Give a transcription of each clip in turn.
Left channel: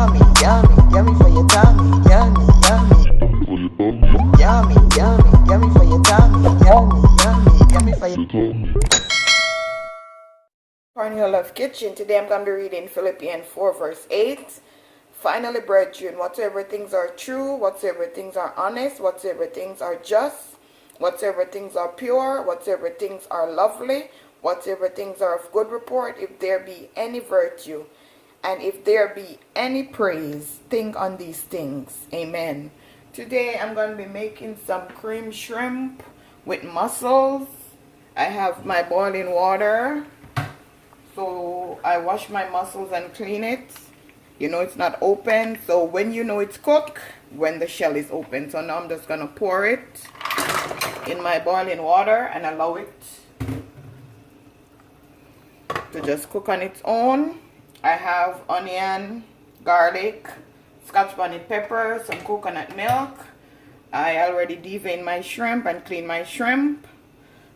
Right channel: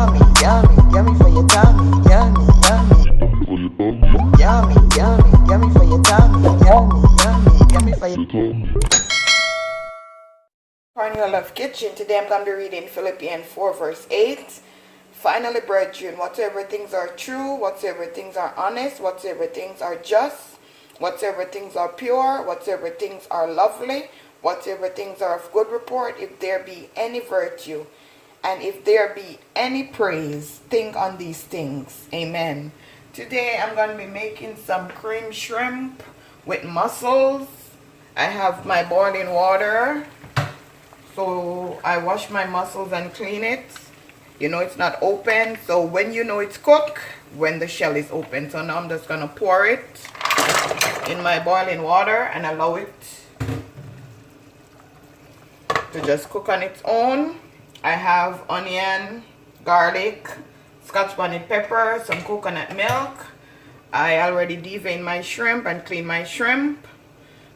Yummy, yummy for your tummy. Yummy, yummy. Yummy, yummy, yummy for your tummy. Yummy, yummy, yummy for your tummy. Cornelialove Kitchen. Today I'm going to be reading Philippians 4 verse 8. Finally, brethren, whatsoever things are true, whatsoever things are honest, whatsoever things are just, whatsoever things are pure, whatsoever things are lovely, whatsoever things are of good report, if there be any virtue, and if there be any praise, think on these things. Amen. Today I'm going to be making some cream shrimp with mussels. I have my boiling water. So I wash my mussels and clean it. You know it's not open. So when you know it's cooked, when the shell is open. So now I'm just going to pour it in my boiling water and allow it to just cook on its own. I have onion, garlic, scotch bonnet pepper, some coconut milk. I already deveined my shrimp and cleaned my shrimp.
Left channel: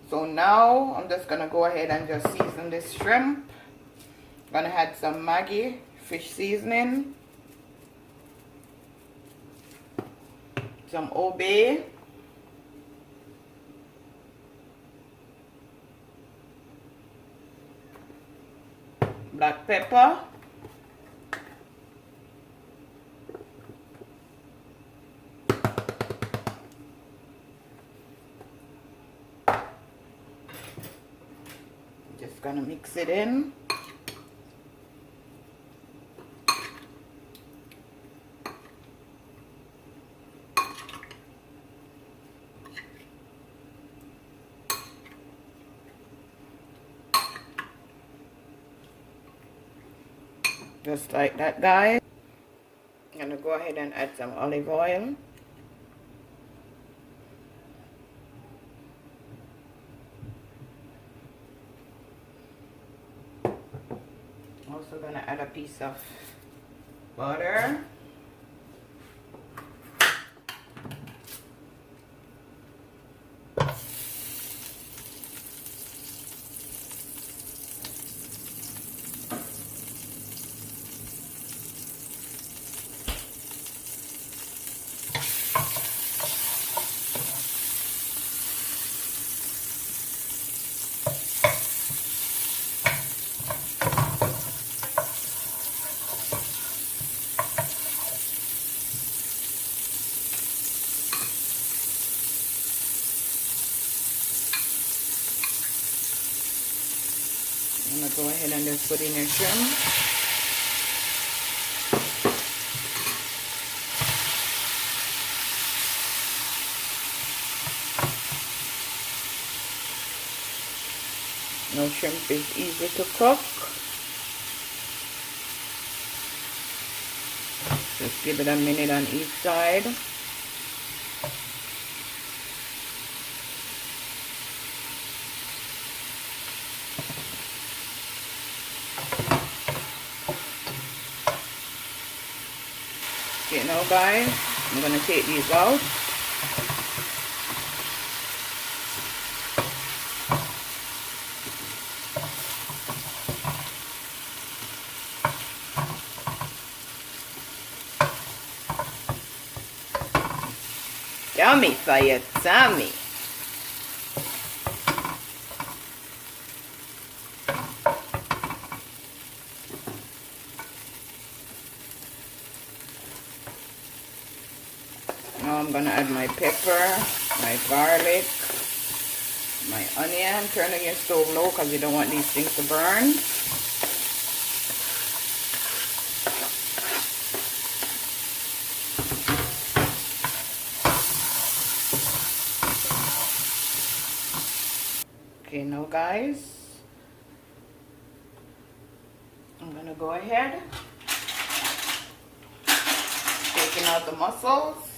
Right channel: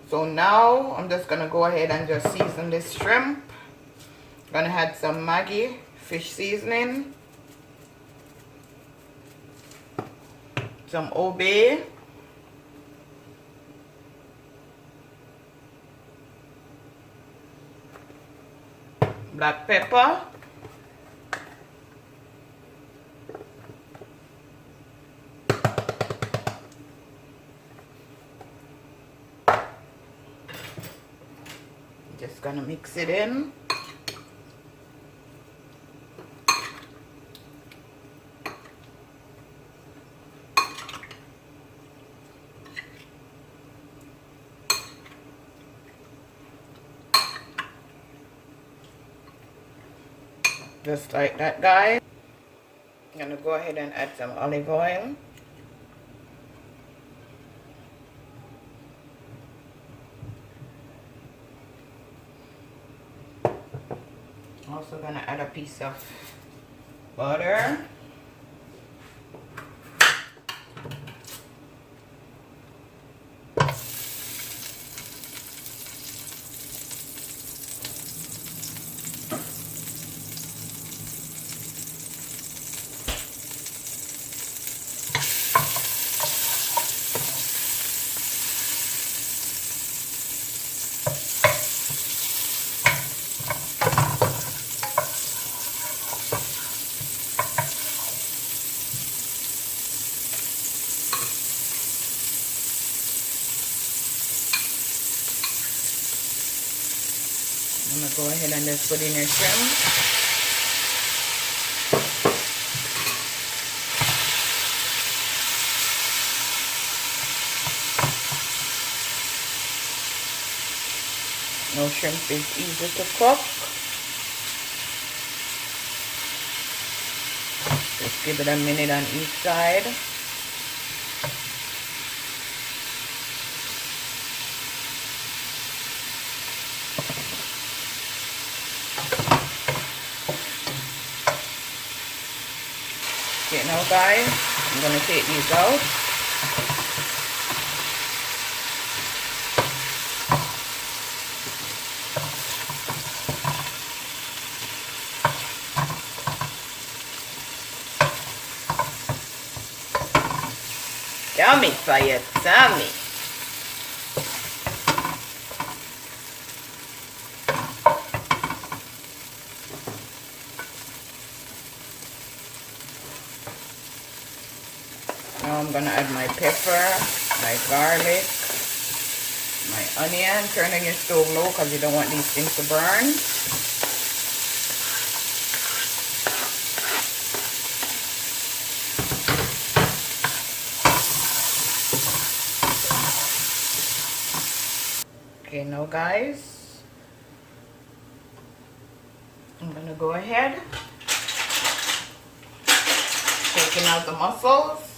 So now I'm just gonna go ahead and just season this shrimp. Gonna add some Maggi fish seasoning, some Obey, black pepper, just gonna mix it in. Just like that, guys. I'm gonna go ahead and add some olive oil. Also gonna add a piece of butter. I'm going to go ahead and just put in your shrimp. No, shrimp is easy to cook. Just give it a minute on each side. Okay, now guys, I'm going to take these out. Yummy for your tummy. Now I'm gonna add my pepper, my garlic, my onion. Turn on your stove low because you don't want these things to burn. Okay, now guys, I'm gonna go ahead, taking out the mussels.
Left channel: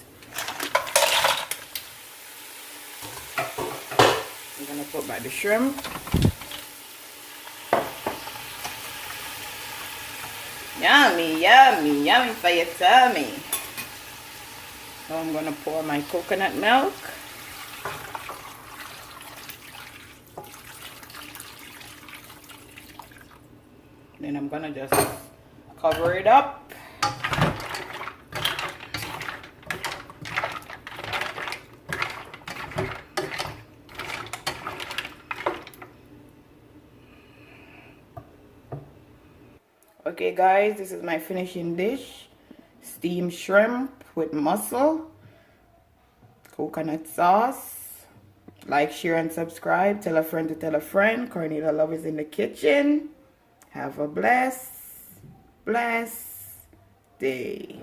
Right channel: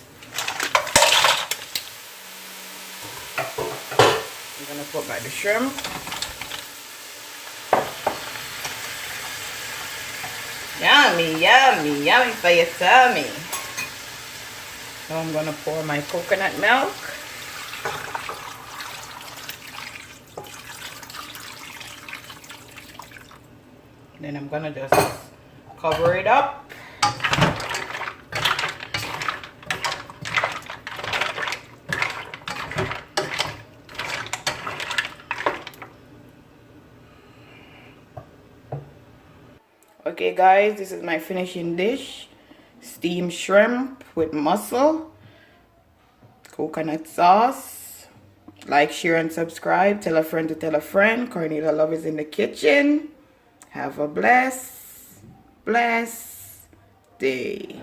I'm gonna put back the shrimp. Yummy, yummy, yummy for your tummy. Now I'm gonna pour my coconut milk. Then I'm gonna just cover it up. Okay guys, this is my finishing dish. Steamed shrimp with mussel, coconut sauce. Like, share, and subscribe. Tell a friend to tell a friend. Cornelia Love is in the kitchen. Have a blessed day.